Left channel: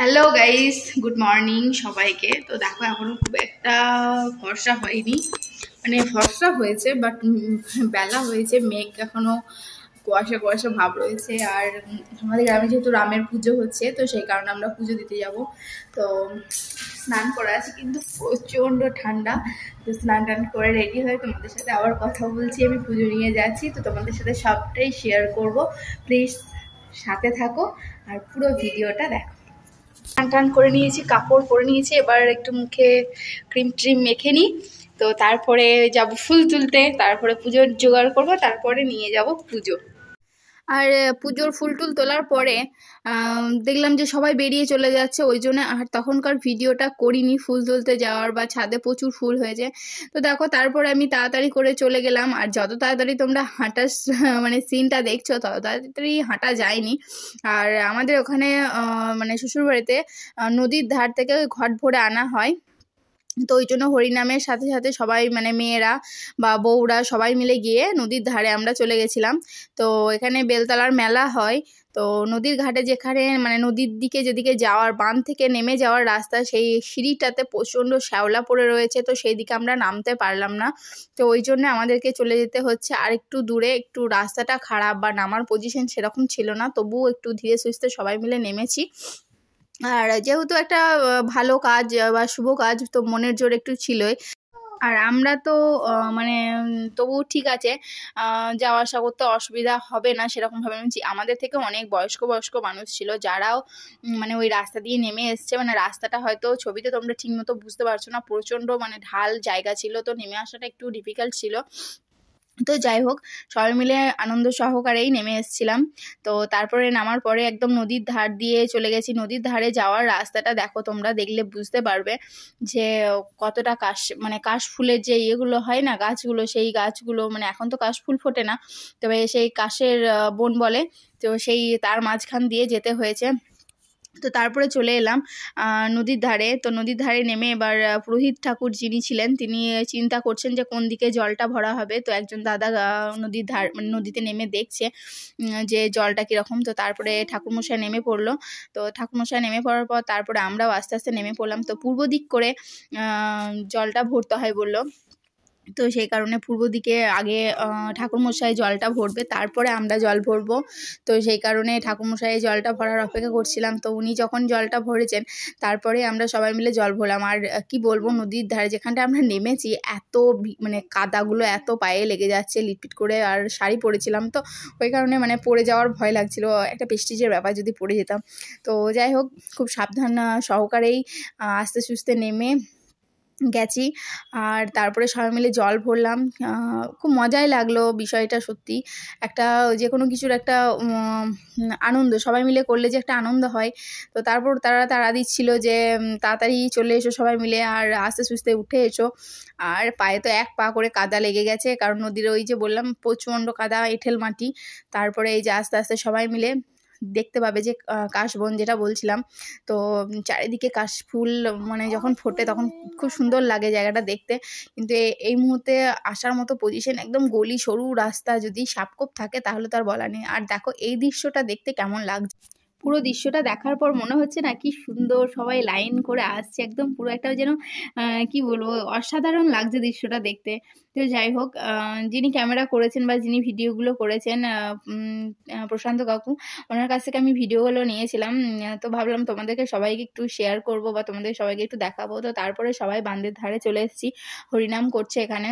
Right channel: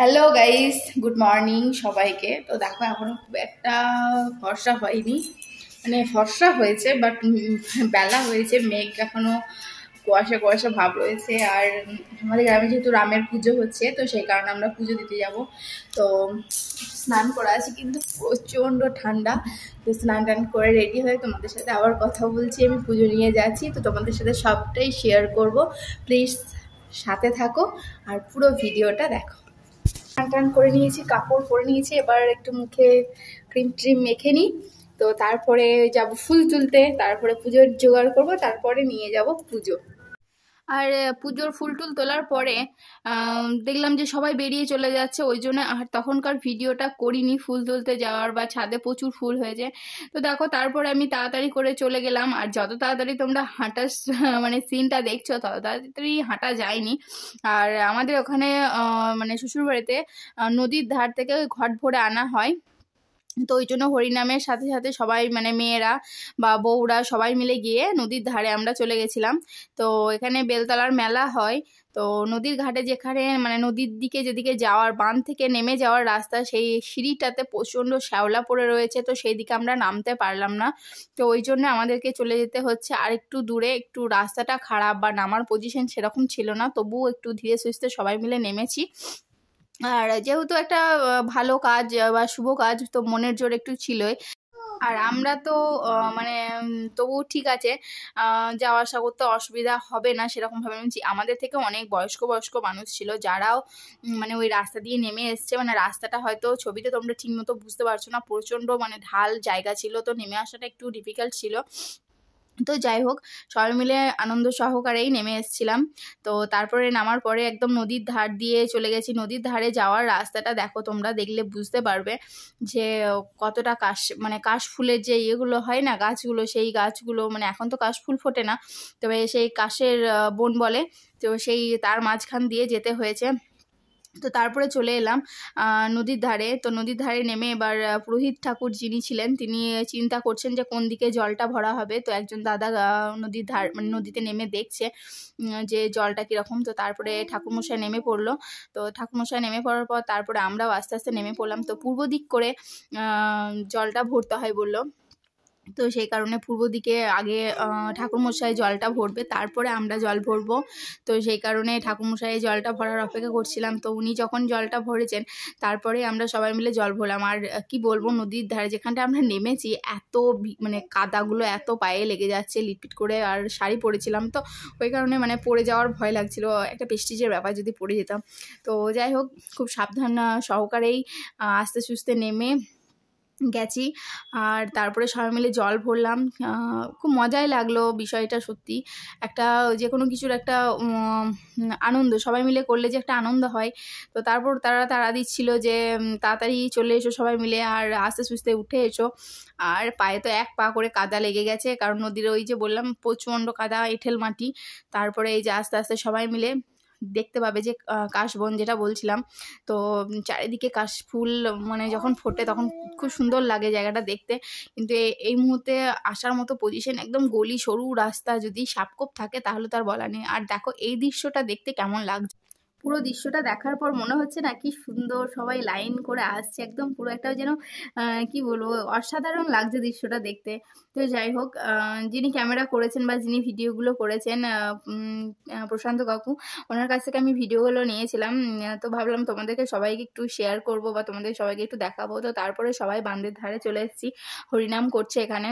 Hello guys, good morning সবাইকে। তো দেখো এখনো খুব একটা ফর্সা হয়নি, মানে ফর্সা হয়েছে বাট বেলা হয়েছে, মেঘ এখনো কুয়াশা কুয়াশা ভাব রয়েছে। আর আমাদের গ্রামে যেহেতু রামের পুজো হচ্ছে, তো সেই কারণে আমরা পুজো দিতে যাব। তো স্নান করা আছে কিন্তু প্রচণ্ড ঠান্ডা। তো স্নান টান করে রেডি হয়ে তোমাদের সাথে আবার কথা বলছি। আমি পুজো নিয়ে যাচ্ছি, তো তোমাদের সাথে সবটাই শেয়ার করব। প্লিজ সাথে থাকো আর পুরো ভিডিওটা দেখো। টান টান করে নিয়েছি, কাপড় পরে নিয়েছি, এবার একটু মুখে ক্রিম ট্রিম মেখে নিই। তো তারপরে যাব ফুল তুলতে, তারপরে পুজোর জোগাড় করব, তারপরে নিয়ে যাব পুজো। আর পুজোর ফুল টুল তোলার পরে দেখলাম যে সবাই বেরিয়ে চলে যাচ্ছে, ওই জন্য আর তখনকার ভিডিওটা করিনি ফুল তুলতে যাওয়ার বা ছাদে প্রচুর ফুল হয়েছে। তো দেখো তারপরে আমি তাড়াতাড়ি করে চলে গেলাম। আর যত তাড়াতাড়ি তোমরা হাঁটার মানে সিনটা দেখছো তত তাড়াতাড়ি হাঁটা যায়নি। আর আমাদের ওখানে মানে শ্বশুরবাড়িতে নদীর ধার থেকে ঘট ভরে আনা হয়। তো ওই জন্য হরিনামের সাথে সাথে সবাই মানে মেয়েরা বা বউরা সবাই মিলে গিয়ে নদীর ধারে আমরা চলে গেছিলাম। তো এখানে বেলতলার মেলা হয়। তো নদীর ঘাটে যেখানে মানে নদীর দিকে যেদিকে যাওয়ার বাঁধ থেকে নেমে যাওয়ার রাস্তা, সেই সিঁড়িটাতে প্রচণ্ড শ্যাওলা পড়ে রয়েছে, তো সেই দিকে আমরা নামতে পারলাম না। তো ওই জন্য আমাদেরকে চলে যেতে হচ্ছে আর একটু দূরে। একটু রাস্তাটা খারাপ বা নামার পজিশন সেরকম ছিল না, তবুও একটু ধীরে সুস্থে সবাই মিলে নেমেছি। আর যেহেতু একটা ভালো কাজ বা শুভ কাজ, তো মনের জোর একটু ছিলই। আর আমরা তো মানে তবু ঠিক আছে, যাওয়া আসা করতে অসুবিধা হবে না সেরকম ভাবে ভেবেছি। আমাদের থেকে অনেক বয়স্ক বয়স্ক মানুষ ছিল যারাও মানে ওই রাস্তা দিয়ে নেমে এসছে। মানে রাস্তাটা হয়তো ছবিতে তোমরা ঠিক মতো বুঝতে পারছো না, প্রচণ্ড মানে ঢাল জায়গা ছিল, তো নেমে আসাটা একটু ডিফিকাল্ট ছিল। তো যাই হোক, সবাই মিলে আনন্দ সহকারেই নেমে এসেছিলাম। তো তারপরে নামার পরে একদম নদীর ধার দিয়ে চলে গেছি। নদীর ধারে যাওয়ার রাস্তাটা দেখো, তোমরা দেখলে বুঝতে পারবে যে কতটা মানে কাশফুলের যে ইয়েগুলো হয় না, গাছগুলো, সেই গাছগুলো মানে এখন তো কাশফুল ফোটে না, তবে সেই কাশের বন বলে, তো সেই তার মাঝখান দিয়ে যেতে হয়েছে। তো তারপরে চলে এলাম নদীর ধারে। তো নদীর ধারে নেমে এবার পুরোহিত ঠাকুর যিনি ছিলেন তিনি চিন্তা করছেন যে কোন দিকে জলটা ভরা হবে। তো একজন দাদা নদীর ধার মানে নদীতে নেমে দেখছে যে জলটা কীরকম। তো তারপরে ঠাকুরমশাই নেমে পড়লো। তো ঠাকুরমশাই নেমে পড়ার পর তারপরে আমরাও আস্তে আস্তে নেমে পড়লাম। তো পূর্ব দিক করে জলটা ভরতে হয় বললো। তো সেই কারণে পূর্ব দিকে আগে ঠাকুরমশাই জলটা ভরবে, তারপরে আমরা জল ভরবো। তো সেই কারণে ঠাকুরমশাই জলটা ভরার অপেক্ষা করছিলাম। তো উনি যখন জলটা ভরেছেন তারপরে আমরা সবাই মিলে জল ভরলাম। আর কি বলবো, নদীর ধারে যেখানটা আমরা নেমেছি এত মানে কাদাগুলো এত পায়ে লেগে যাচ্ছে লিটপিট করে, আর শাড়ি পরেছিলাম, তো ওই কারণে মানে পড়ে যাওয়ার ভয় লাগছিল, একটা প্রেস্টিজের ব্যাপার যদি পড়ে যেতাম। তো যাই হোক, খুব সাবধান সহকারেই আস্তে সুস্তে নেমে গেছি। আর তারপরে সবাই মিলে জল ভরলাম। খুব মজাই লাগলো বিষয়টা, সত্যি একটা যে কোনো কিছুর একটা আনন্দ সবাই মিলে করলে যে একটা আনন্দ হয়। তো তারপর তারা তাড়া দিচ্ছিল যে তাড়াতাড়ি চলে এসো সবাই মিলে, আর আস্তে সুস্তে উঠে এসো। আর পায়ে তো এক পা করে কাদা লেগে গেছে, কারণ নদীর ওই যে বললাম প্রচণ্ড কাদা, এঁঠেল মাটি। তারপরে এই যে আস্তে আস্তে সবাই মিলে দেখতে পাবে যে কাশবন যেটা বলছিলাম, তো চারিদিকে কাশফুল মানে যখন ফোটে তখন খুব সুন্দর লাগে জায়গাটা দেখতে। কিন্তু এই মুহূর্তে আসার মতো পজিশন, একদম গলি সরু রাস্তা, যদি সাপকোপ থাকে তাহলে তো আর বলা নেই। আর দেখো এই দৃশ্যটা দেখতে কেমন লাগছে, পুরো দৃশ্যটা দেখার পর মনে হচ্ছে না কি সুন্দর সবাই লাইন করে আসছে, একদম পুরো একটা যেন কি বলবো, অসাধারণ লাগছে দৃশ্যটা দেখতে। তো যাই হোক, যিনি ক্যামেরা করেছেন বা যিনি ভিডিওগুলো করেছেন প্রশান্ত কাকু, ওনার কাছ থেকে আমি ভিডিওগুলো নিয়েছিলাম। তো ভাবলাম তোমাদেরকে সবাইকে একটু শেয়ার করব বা তোমাদের সবাইকে একটু দেখাবো। তো তারপরে সবাই বাঁধের ধারে চলে এসেছি, হরিনাম করছে এখানে।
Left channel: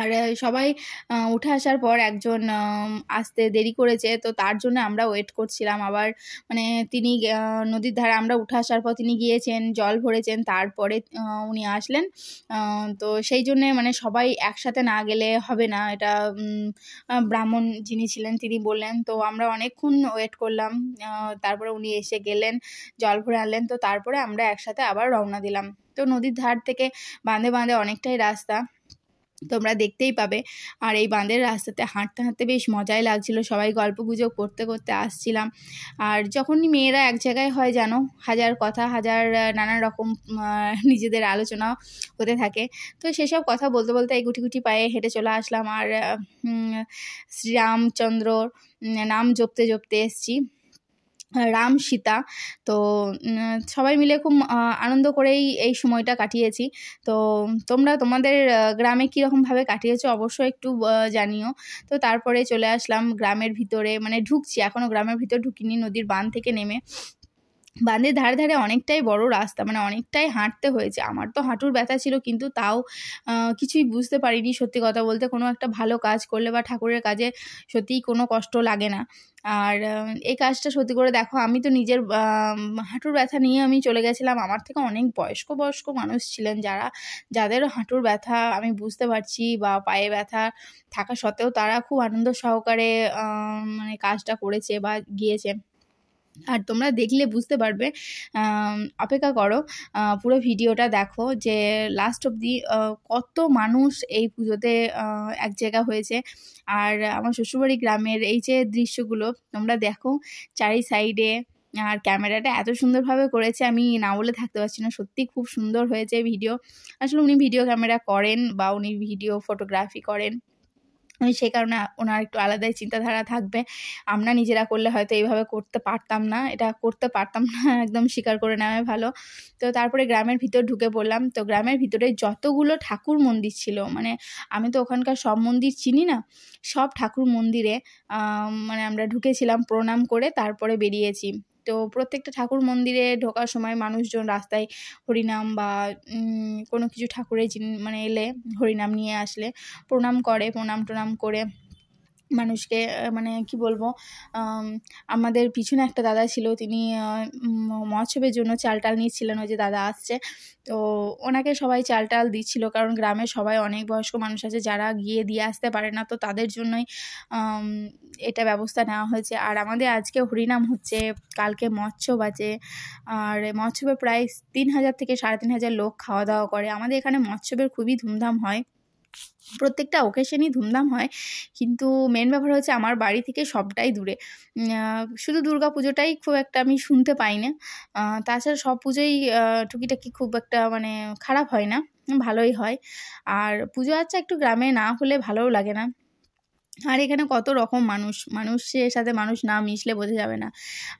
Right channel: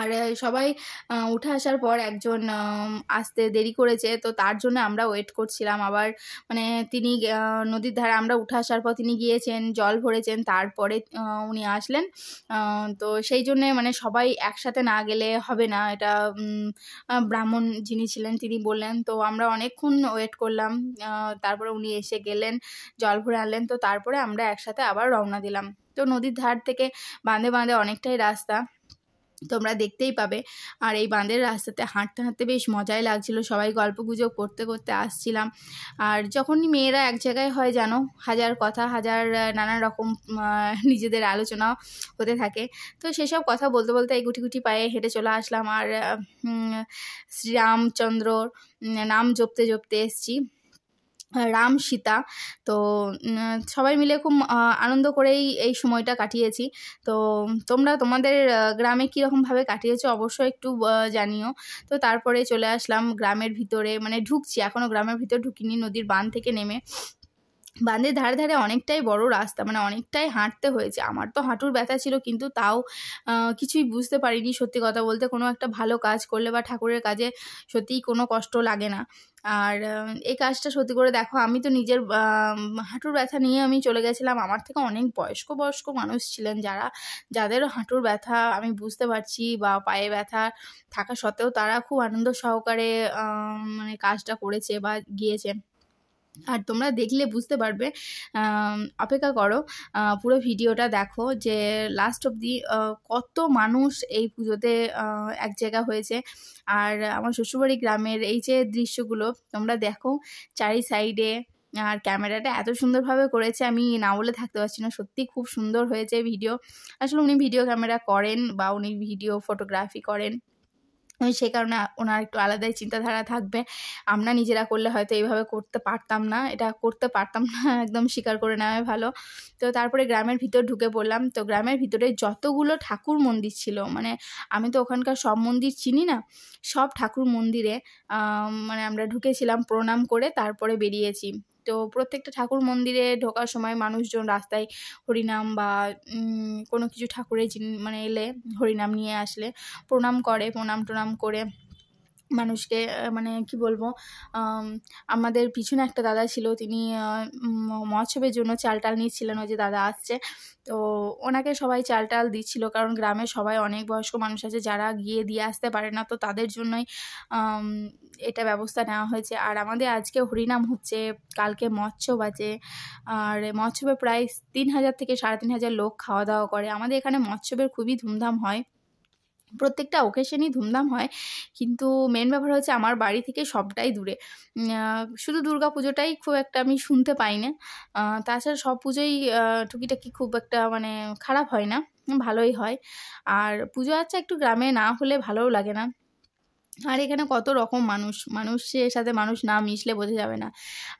আর সবাই উঠে আসার পর একজন আসতে দেরি করেছে, তো তার জন্য আমরা ওয়েট করছিলাম। আবার মানে তিনি নদীর ধারে আমরা উঠে আসার পর তিনি গিয়েছেন, জল ভরেছেন, তারপরে উনি আসলেন। তো সেই জন্যে মানে সবাই একসাথে না গেলে হবে না, এটা ব্রাহ্মণ যিনি ছিলেন তিনি বললেন। তো আমরা অনেকক্ষণ ওয়েট করলাম, তারপরে উনি এসে গেলেন, জল ভরে আনলেন। তো তারপরে আমরা একসাথে আবার রওনা দিলাম। তো নদীর ধার থেকে বাঁধে বাঁধে অনেকটাই রাস্তা, তোমরা দেখতেই পাবে। আর এই বাঁধের রাস্তাতে হাঁটতে হাঁটতে বেশ মজাই লাগছিল, সবাই গল্পগুজব করতে করতে আসছিলাম। আর যখনই মেয়েরা এক জায়গায় হয় জানো, হাজার কথা, হাজার নানা রকম নিজেদের আলোচনা হতে থাকে। তো সেসব কথা বলতে বলতে এই গুটি গুটি পায়ে হেঁটে চলে আসলাম। আর শ্রীরামচন্দ্রর নাম জপতে জপতে এসছি। রাম সীতা। তো সবাই মিলে খুব আনন্দ করেই এই সময়টা কাটিয়েছি। তো তোমরা তোমাদের গ্রামে কীরকমভাবে কাটিয়েছো অবশ্যই একটু জানিও। তো তারপরে চলে আসলাম গ্রামের ভিতরে, মানে ঢুকছি, এখনও গ্রামের ভিতর ঢুকিনি। নদীর বাঁধ থেকে নেমে বাঁধের ধারে ধারে অনেকটাই বড় রাস্তা, মানে অনেকটাই হাঁটতে হয়েছে। আমার তো হাঁটুর ব্যথা ছিল, কিন্তু তাও কিছুই বুঝতে পারিনি। সত্যি কথা বলতে কোনো একটা ভালো কাজ করলে বা ঠাকুরের কাজে সত্যিই কোনো কষ্ট লাগে না। আর এই কাজটা সত্যি করে দেখো, আমি তো নিজের হাঁটুর ব্যথা নিয়ে আমি চলে গেছিলাম। আমার থেকে অনেক বয়স্ক মানুষ ছিলেন যাদের হাঁটুর ব্যথা আমি বুঝতে পারছি, বা পায়ে ব্যথা থাকা সত্ত্বেও তারা খুব আনন্দ সহকারে মানে কাজটা করেছে বা গিয়েছে। আর তোমরা দেখলে বুঝতে পারবে, অপেক্ষা করো, পুরো ভিডিওটা দেখো যে লাস্ট অবধি কত মানুষ এই পুজোতে এক জায়গা হয়েছে। আর আমার শ্বশুরবাড়ি গ্রামের এই যে দৃশ্যগুলো তোমরা দেখো চারি সাইডে, আর ক্যামেরাটা এত সুন্দরভাবে করেছে আমি না বলে থাকতে পারছি না। সত্যি খুব সুন্দর হয়েছে ভিডিও। আসলে উনি ভিডিও ক্যামেরা করেন বা উনি ভিডিও ফটোগ্রাফি করেন, সেই কারণে ওনার একটু আলাদাই চিন্তাধারা থাকবে। আমরা নিজেরা করলে হয়তো এইভাবে করতে পারতাম না, এটা করতে পারতাম না, একদম স্বীকার করে নেওয়াই ভালো। তো তারপরে গ্রামের ভিতর ঢুকে পড়লাম। তো গ্রামের ভিতরে যতগুলো ঠাকুর মন্দির ছিল, মানে আমি তো ওখানকার সব মন্দির চিনি না, সব ঠাকুর মন্দিরে মানে আমরা ঢুকেছিলাম, প্রণাম করে তারপরে বেরিয়েছি। তো প্রত্যেকটা ঠাকুর মন্দিরে ঢোকার সময় মানুষজন রাস্তায় হরিনাম বা কোনো কিছু ঠাকুরের মানে এলে হরিনাম নিয়ে আসলে প্রণাম করে, প্রণাম টনাম করে মানুষকে, মানে কি বলবো, আমাদের পিছনে একটা দাদা ছিল, তিনি মহোৎসবের জন্য চাল টাল নিচ্ছিলেন, ওই যে দাদা আসছে, তো ওনাকে সবাই চাল টাল দিচ্ছিল, কারণ গ্রামের সবাই অনেক বয়স্ক মানুষ আছে যারা গিয়ে দিয়ে আসতে পারে না, তো তাদের জন্যই এটা ব্যবস্থা নেওয়া হয়েছে। আর আমাদের আজকে হরিনাম হচ্ছে, কালকে মহোৎসব আছে, আর মহোৎসবে প্রায় 3000 থেকে 3500 লোক খাওয়া দাওয়া করে। আমাদের এখানে মহোৎসবের খুবই ধুমধাম হয়, প্রত্যেকটা ওকেশনই ধুমধাম হয়, কিন্তু মেন ব্যাপার হচ্ছে আমার বাড়ি থেকে সবটাই দূরে। শুধু দুর্গা পুজোটাই খুব একটা আমি শুনতে পাই না, তাছাড়া সব পুজোই টুকিটাকি খুব একটা মানে খারাপ হয় না, ভালোই হয়। আর পুজো আচ্ছা একটু গ্রামে না হলে ভালোও লাগে না। আর এখানে কত রকম মানুষের সাথে মানুষ না মিশলে বোঝা যাবে না।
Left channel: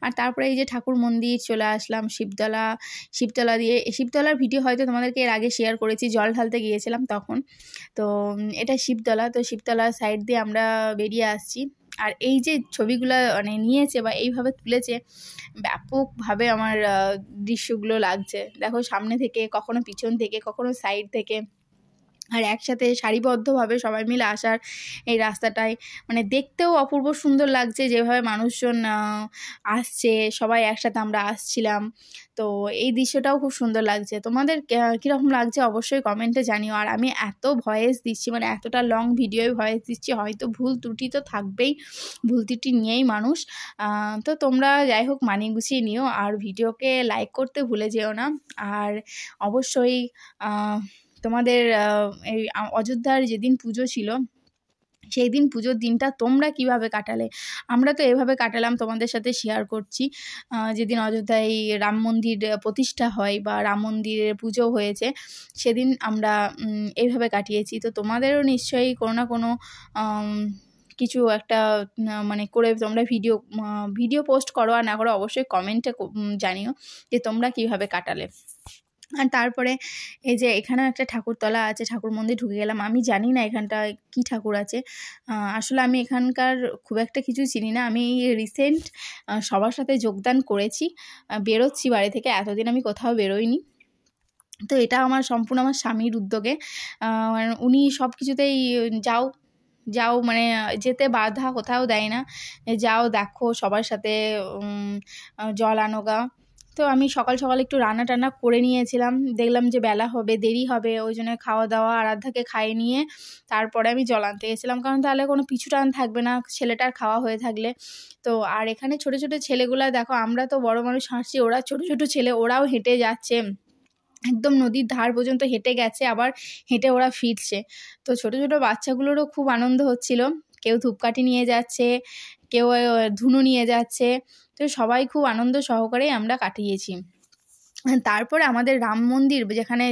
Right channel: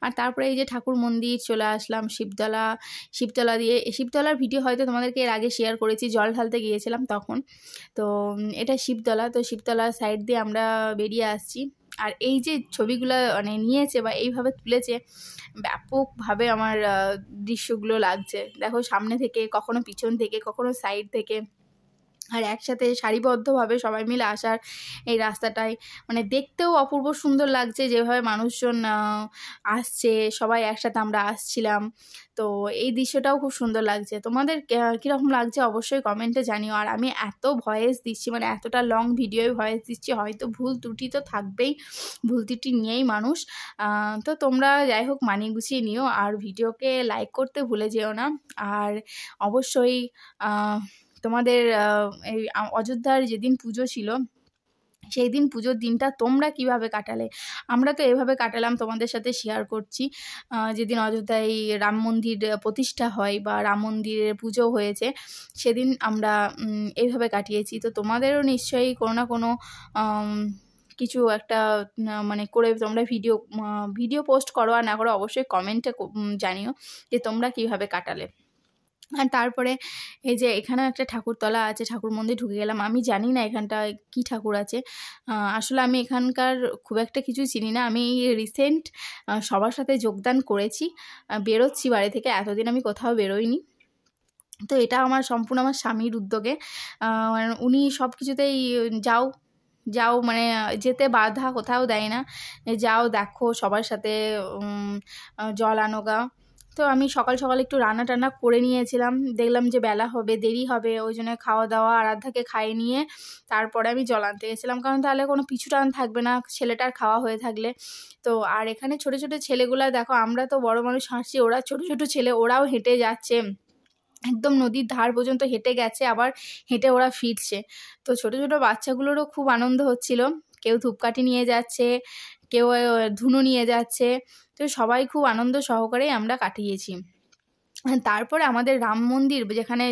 আর তারপরে এই যে ঠাকুর মন্দির চলে আসলাম, শিবতলা দিয়ে। শিবতলার ভিডিও হয়তো তোমাদেরকে এর আগে শেয়ার করেছি, জল ঢালতে গিয়েছিলাম তখন। তো এটা শিবতলা, তো শিবতলার সাইড দিয়ে আমরা বেরিয়ে আসছি। আর এই যে ছবিগুলো মানে নিয়েছে বা এইভাবে তুলেছে, ব্যাপকভাবে আমার দৃশ্যগুলো লাগছে। দেখো সামনে থেকে, কখনো পিছন থেকে, কখনো সাইড থেকে, আর একসাথে সারিবদ্ধভাবে সবাই মিলে আসার এই রাস্তাটায় মানে দেখতেও অপূর্ব সুন্দর লাগছে, যেভাবে মানুষজন আসছে, সবাই একসাথে আমরা আসছিলাম। তো এই দৃশ্যটাও খুব সুন্দর লাগছে। তোমাদের কীরকম লাগছে অবশ্যই কমেন্টে জানিও। আর আমি এত ভয়েস দিচ্ছি, মানে এতটা লং ভিডিওয় ভয়েস দিচ্ছি, হয়তো ভুল ত্রুটি তো থাকবেই, ভুল ত্রুটি নিয়েই মানুষ। তো তোমরা যাই হোক মানিয়ে গুছিয়ে নিও, আর ভিডিওকে লাইক করতে ভুলে যেও না। আর অবশ্যই তোমাদের এই অযোধ্যার যেদিন পুজো ছিল, সেই দিন পুজোর দিনটা তোমরা কিভাবে কাটালে? আমরা তো এভাবে কাটালাম, তোমাদের সাথে শেয়ার করছি। যেদিন অযোধ্যায় রাম মন্দির প্রতিষ্ঠা হয় বা রাম মন্দিরের পুজো হয়েছে, সেদিন আমরা এইভাবে কাটিয়েছি। তো তোমাদেরও নিশ্চয়ই কোনো না কোনো কিছু একটা মানে করে তোমরা ভিডিও পোস্ট করো, আর না করো অবশ্যই কমেন্টে জানিও যে তোমরা কিভাবে কাটালে। আর তারপরে এই যে এখানেও একটা ঠাকুরতলা আছে, ঠাকুর মন্দির ঢুকে গেলাম। আমি জানি না এখানটায় কী ঠাকুর আছে, আসলে আমি এখানকার খুব একটা কিছু চিনি না। আমি রিসেন্ট সবার সাথে যোগদান করেছি, বেরোচ্ছি বাড়ি থেকে, এতদিন আমি কোথাও বেরোইনি। তো এটা আমার সম্পূর্ণ আমার স্বামীর উদ্যোগে, উনি সব কিছুতেই যাও মানে যেতে বাধা কোথাও দেয় না, যাও দেখো সবার সাথে জল আনোগা। তো আমি সকাল সকাল একটু রান্না টান্না করে নিয়েছিলাম, দেখলাম যে বেলা হবে, দেরি হবে, ওই জন্য খাওয়া দাওয়া আরাধ্যাকে খাইয়ে নিয়ে তারপরে আমি জল আনতে গেছিলাম, কারণ তাহলে কোনো পিছু টান থাকবে না ছেলেটার খাওয়া হয়ে থাকলে। তো আর এখানে ছোট ছোট ছেলেগুলা দেখো, আমরা তো বড় মানুষ হাসছি, ওরা ছোট ছোট ছেলে, ওরাও হেঁটে যাচ্ছে, একদম নদীর ধার পর্যন্ত হেঁটে গেছে, আবার হেঁটে ওরা ফিরছে। তো ছোট ছোট বাচ্চাগুলোরও খুব আনন্দ হচ্ছিল, কেউ ধূপকাঠি নিয়ে যাচ্ছে, কেউ ধুনো নিয়ে যাচ্ছে, তো সবাই খুব আনন্দ সহকারেই আমরা কাটিয়েছি। তারপরে আমাদের রাম মন্দির যেখানে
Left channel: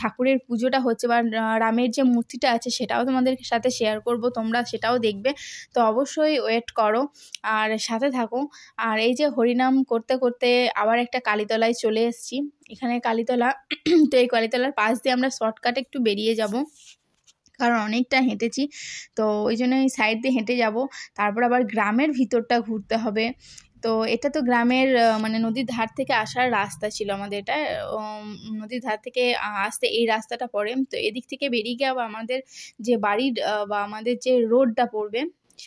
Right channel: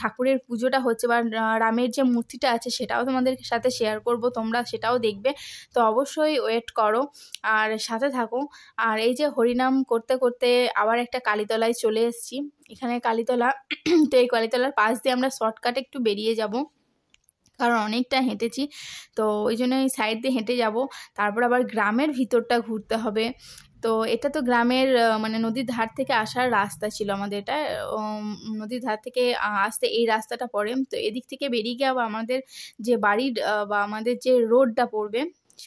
ঠাকুরের পুজোটা হচ্ছে বা রামের যে মূর্তিটা আছে সেটাও তোমাদের সাথে শেয়ার করব, তোমরা সেটাও দেখবে। তো অবশ্যই ওয়েট করো আর সাথে থাকো। আর এই যে হরিনাম করতে করতে আবার একটা কালীতলায় চলে এসেছি। এখানে কালীতলা, তো এই কালীতলার পাশ দিয়ে আমরা শর্টকাটে একটু বেরিয়ে যাব, কারণ অনেকটা হেঁটেছি, তো ওই জন্য এই সাইড দিয়ে হেঁটে যাব। তারপর আবার গ্রামের ভিতরটা ঘুরতে হবে। তো এটা তো গ্রামের মানে নদীর ধার থেকে আসার রাস্তা ছিল আমাদের, এটা নদীর ধার থেকে আসতে এই রাস্তাটা পড়ে। তো এদিক থেকে বেরিয়ে গিয়ে আবার আমাদের যে বাড়ির বা আমাদের যে রোডটা পড়বে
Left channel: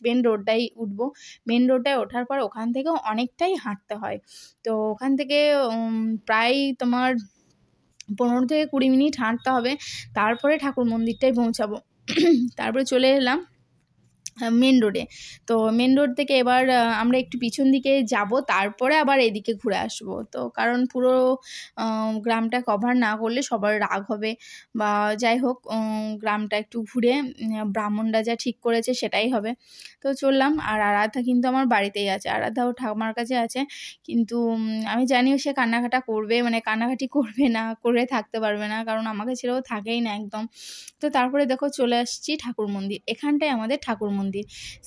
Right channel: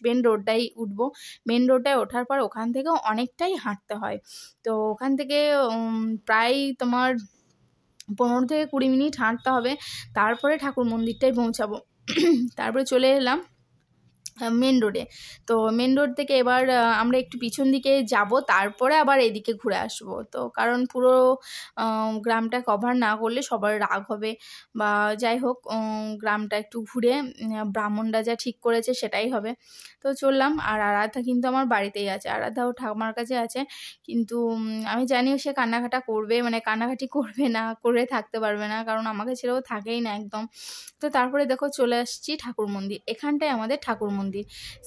মেন রোডটাই উঠবো। মেন রোডটায় ওঠার পর ওখান থেকেও অনেকটাই হাঁটতে হয়। তো ওখান থেকে প্রায় তোমার 15 থেকে 20 মিনিট হাঁটতে হবে, তারপরে ঠাকুর মন্দিরটায় পৌঁছাবো। তারপরে চলে এলাম মেন রোডে। তো মেন রোড থেকে এবার আমরা একটু পিছন দিকে যাব, তারপরে আবার এদিকে ঘুরে আসব। তো কারণ পুরো গ্রামটা কভার না করলে সবার রাগ হবে, বা যাই হোক গ্রামটা একটু ঘুরে ব্রাহ্মণরা যা ঠিক করেছে সেটাই হবে। তো চললাম। আর আরাধ্যা কিন্তু আমার বাড়িতেই আছে, আরাধ্যাও ঠাকুমার কাছে আছে, কিন্তু আমি জানিও সে কান্নাকাটা করবে, মানে কান্নাকাটি করবে না, করে থাকতে পারবে না, কারণ আমাকে ছেড়েও থাকেই না একদম। তো তারপরে দেখো চলে আসছি ঠাকুর মন্দির। এখানটায় আমাদের ঠাকুর মন্দির,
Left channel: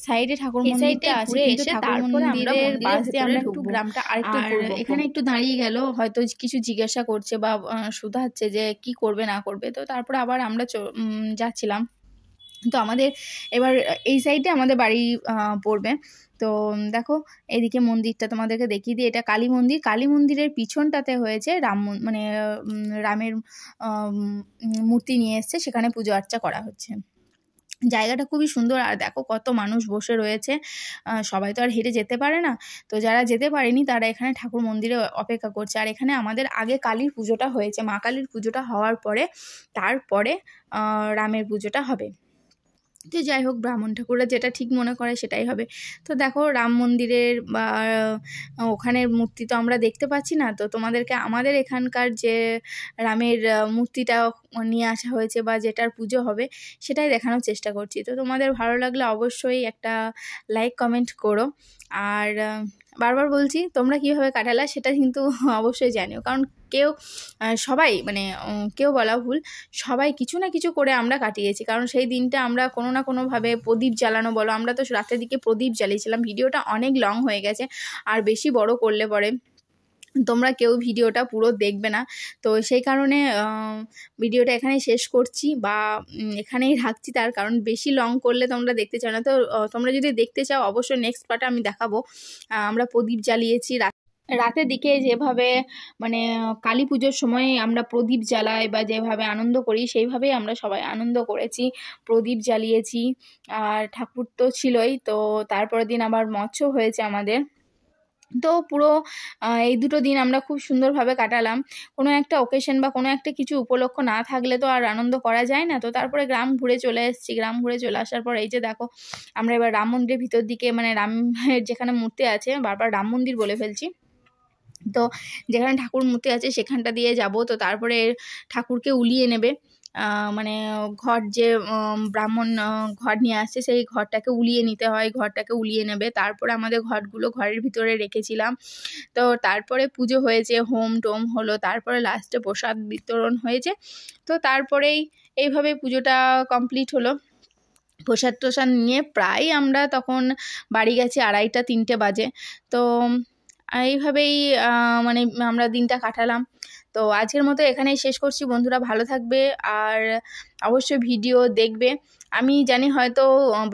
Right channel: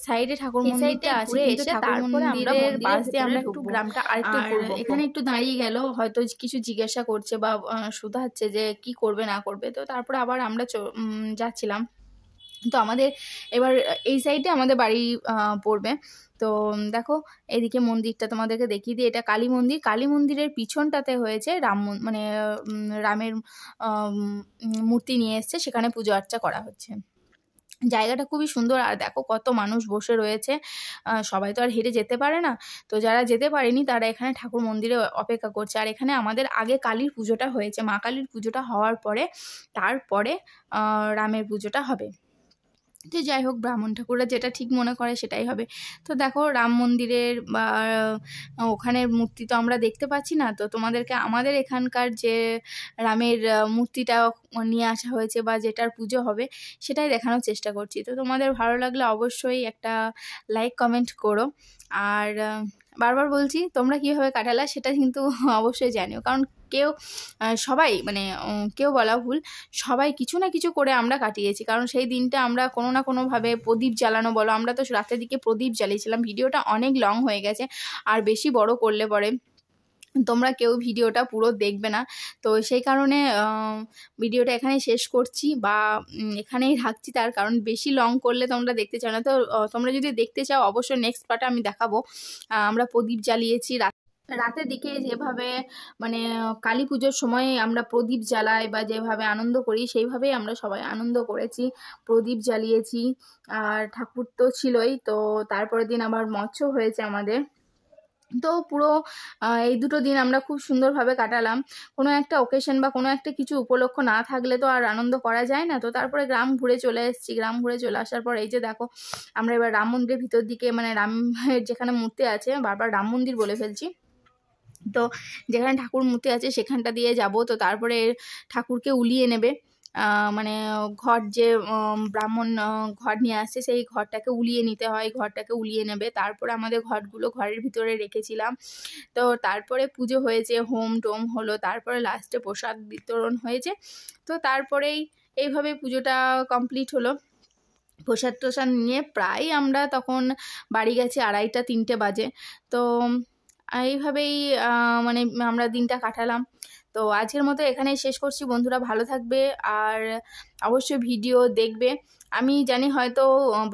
সাইডে ঠাকুর মন্দিরটা আছে, তারপরে আমরা পাশ দিয়ে আমরা একটু গ্রামটা আরেকটু, আর এখানে একটু দাঁড়িয়ে গেল, হয়তো কিছু জিজ্ঞাসা করছে বা শুধাচ্ছে যে কি করবে না করবে। তো তারপরে আবার আমরা যাচ্ছিলাম। তো আমাদের এবার এই সাইডে আমাদের বাড়ি পড়বে। তো দেখো এদিকে মন্দিরটা তোমাদেরকে দেখিয়ে দিই, এটা কালী মন্দির। কালী মন্দিরের পিছনটাতে হয়েছে মানে রামের মূর্তি নিয়ে এসছে, সেখানে পুজো আর্চা করা হচ্ছে। জায়গাটা খুবই সুন্দর। আর দেখো কত মানুষ বসে রয়েছে, সবাই তো আর হেঁটে যেতে পারে না, তো যারা যেতে পারেনি তারা এখানে ঠাকুর মন্দিরে অপেক্ষা করছে। আর এখানে আমাদের আগে কালীর পুজোটা হয়েছে, মা কালীর পুজোটা হওয়ার পরে তারপরে রামের পুজোটা হবে। তো যাই হোক ব্রাহ্মণ ঠাকুররা যেটা ঠিক মনে করে সেটাই হবে। তো দেখো রাম মন্দিরের বা ওখানের মূর্তি তো আমরা দেখতে পাচ্ছি না, তো তোমাদেরকে আমাদের এখানকার যে রামের মূর্তিটা নিয়ে আসা হয়েছে বা যেটার পুজো হবে সেটাই দেখানোর চেষ্টা করছি। তো তোমাদের ভালো লাগলে অবশ্যই একটা লাইক কমেন্ট করো। আর বারবার বলছি তোমরা কীভাবে কাটালা সেটা কিন্তু অবশ্যই জানিও, কারণ সবাই মানে কেউ বলা ভুল, সবাই কিছু না কিছু করে আমরা কাটিয়েছি। কারণ সেই দিনটা আমরা কোনো না কোনোভাবে প্রদীপ জ্বালানো বলো, আমরা তো রাতের দিকে প্রদীপ জ্বালিয়েছিলাম। ভিডিওটা অনেক লং হয়ে গেছে, আর বেশি বড় করলে পরে তোমরা কেউ ভিডিওটা পুরো দেখবে না, তো সেই কারণে ভিডিওটা এখানেই শেষ করছি বা এখানেই রাখছি। তার কারণ বেশি লং করলে তোমরা দেখতে চাও না। তো তোমরা যদি দেখতে চাও অবশ্যই নেক্সট পার্টে আমি দেখাবো। আমরা প্রদীপ জ্বালিয়েছি রাতের দিকে, যেভাবে মানে কালী পুজোর সময় আমরা প্রদীপ জ্বালাই বা যেভাবে আনন্দ করি সেইভাবেই আমরা সবাই আনন্দ করেছি, প্রদীপ জ্বালিয়েছি। আর ঠাকুর তো ছিলই, তো তারপরের দিন আবার মৎস্য হয়েছে আমাদের। তো পুরো এই দুটো দিন আমরা খুব সুন্দরভাবে কাটালাম। কোনো একটা অকেশন বা কোনো একটা কিছু উপলক্ষ না থাকলে তো আর আনন্দ করা যায় না। তো তারপরে গ্রাম ঘুরে চলে এসেছি। গ্রাম ঘুরে চলে আসার পর এই যে দেখো আমরা এবার রাম মন্দিরের ভিতর দিকে, মানে রামের যেখানে মূর্তি আছে, বারবার রাম মন্দির বলে ফেলছি, তো যেখানে ঠাকুর মূর্তি আছে সেখানটা দিয়ে যাব। তো তারপরে ঠাকুরকে উলিয়ে নেবে, মানে ঘর যে ব্রাহ্মণ ঘর নিয়ে আসছে সেই ঘরটাকে উলিয়ে নিতে হয়, ঘরটাকে উলিয়ে নেবে। তারপরে আমাদের ঘরগুলো ঘরের ভিতরে রেখেছিলাম। তো তারপরে পুজো হয়েছে, হোম টোম হলো, তারপরে লাস্টে প্রসাদ বিতরণ হয়েছে। তো তারপরেই এইভাবে পুজোটা কমপ্লিট হলো। প্রসাদ টোসাদ নিয়ে প্রায় আমরা তখন বাড়ি গেছি 2:30-3টে বাজে। তো এইভাবেই মানে আমরা দিনটা কাটালাম। তো আজকের মতো এখানেই শেষ করছি। বন্ধুরা ভালো থাকবে আর অবশ্যই ভিডিও দেখবে। আমি জানি হয়তো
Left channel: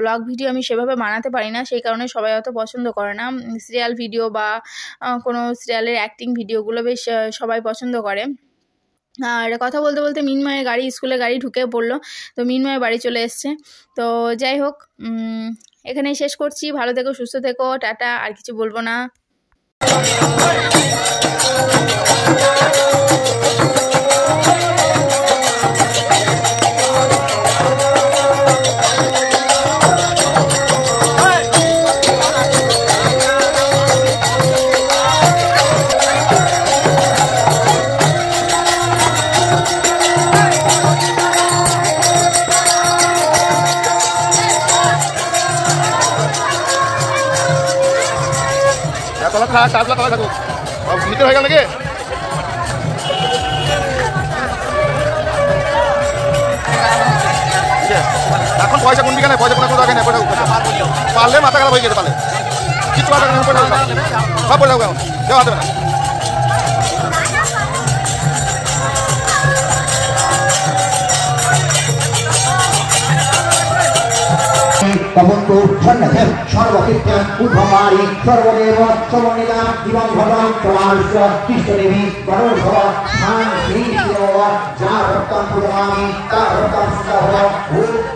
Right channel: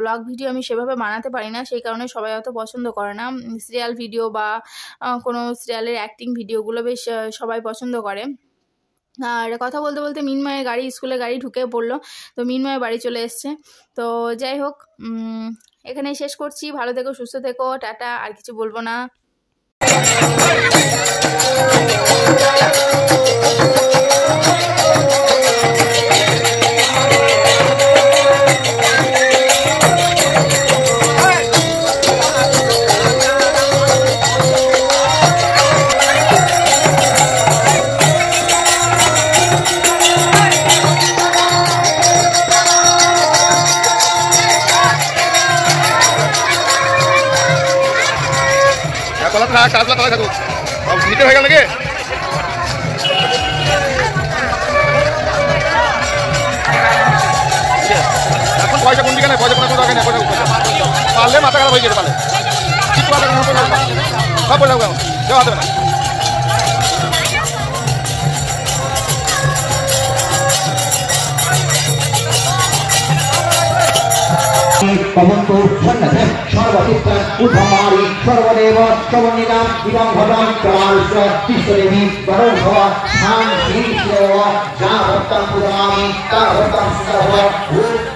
ব্লগ ভিডিও আমি সেভাবে বানাতে পারি না, সেই কারণে সবাই অত পছন্দ করে না। সিরিয়াল ভিডিও বা কোনো সিরিয়ালের অ্যাক্টিং ভিডিওগুলো বেশ সবাই পছন্দ করে। আর কথা বলতে বলতে মিনময়ের গাড়ি, স্কুলে গাড়ি ঢুকে পড়লো, তো মিনময় বাড়ি চলে এসছে। তো যাই হোক এখানেই শেষ করছি। ভালো থেকো, সুস্থ থেকো, টাটা। আর কিছু বলবো না। তলা থাক, তলা থাকুক, নিচে হয়ে গেল নাকি? পয়সা কোন দিকে নেই, পয়সা কোনো দরকার নেই, পয়সা পয়সা পারলে মাথা খারাপ হয়ে যেতে পারলে কিছু মাথা খারাপ পয়সা সব পয়সা কেমন দেওয়া দেবে না। पवन्तु सन्नद्धं सर्वचित्तं उद्धमारि सर्वदेव सर्वनिदां इदं भवं प्रमाणस्य तिष्ठदेवी गरुडभव शान्ति शिवव जागृतं पुराणि तागृतं सुतभव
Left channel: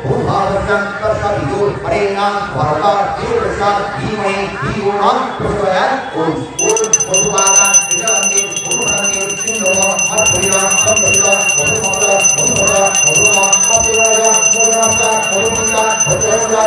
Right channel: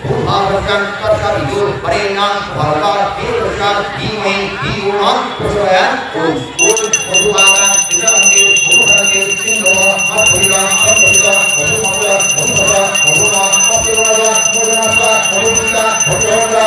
भूभावृतं कर्तविदो परेण भवता देवस्य धीमहि धियो प्रचोदयात् ॐ वधुवागं विजयन्ते गुरुहरते सिंहव अप्रिया अप्रिया मधुमग्र मधुमग्र मधुमा अप्रिया मोदनस्वा मधुमिता भद्रवन्द्र